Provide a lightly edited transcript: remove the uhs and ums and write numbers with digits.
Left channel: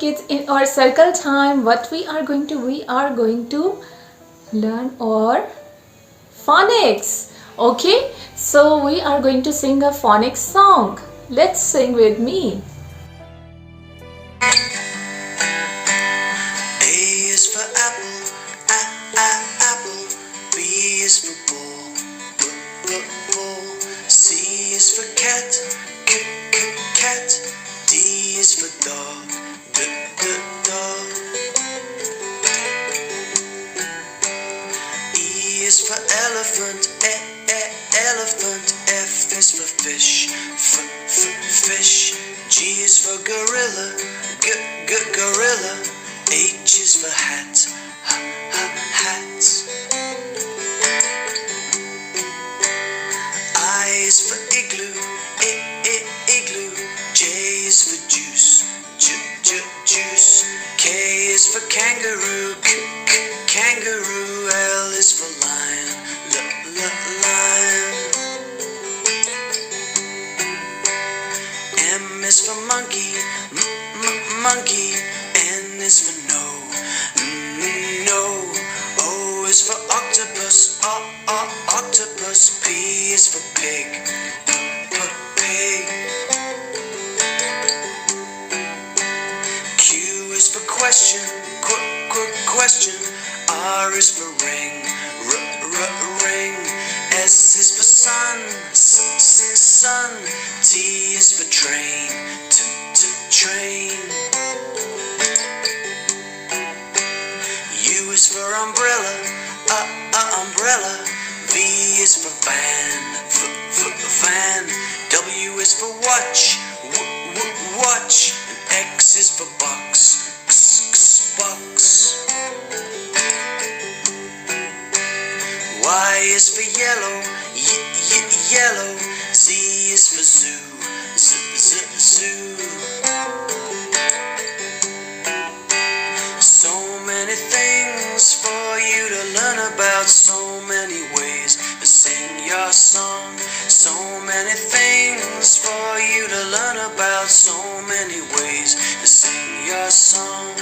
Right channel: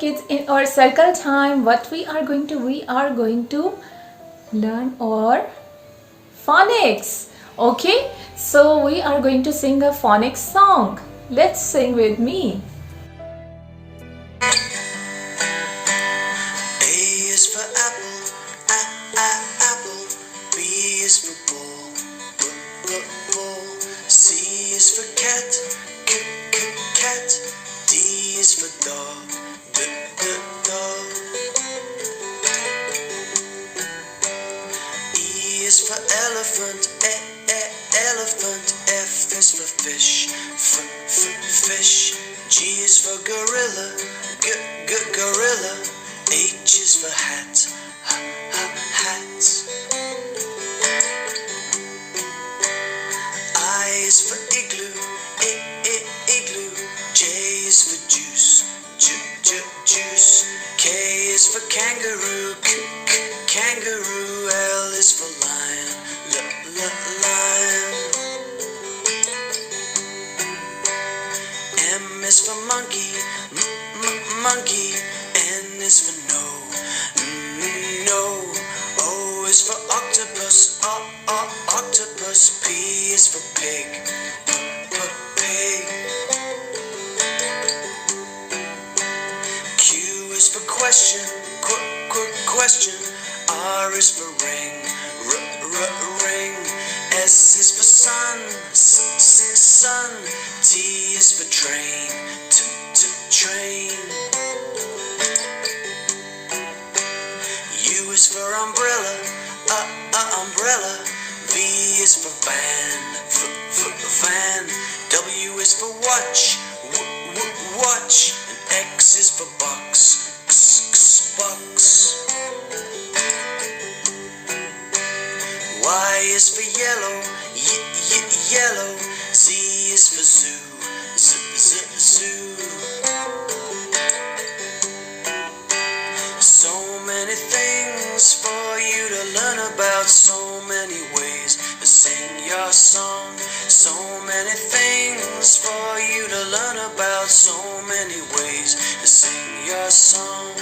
kids, in our circle time, what we are going to learn our phonics. Okay, so we are going to sing a phonics song. Let's sing with me. A is for apple, apple. B is for ball, ball. C is for cat, cat. D is for dog, dog. E is for elephant, elephant. F is for fish, fish. G is for gorilla, gorilla. H is for hat, hat. I is for igloo, igloo. J is for juice, juice. K is for kangaroo, kangaroo. L is for lion, lion. M is for monkey, monkey. N is for no. O is for octopus, octopus. P is for pig, pig. Q is for question, question. R is for ring, ring. S is for sun, sun. T is for train, train. U is for umbrella, umbrella. V is for van, van. W is for watch, watch. And X is for box, box. Y is for yellow, yellow. Z is for zoo, zoo. So many things for you to learn about, so many ways to sing your song. So many things for you to learn about, so many ways to sing your song.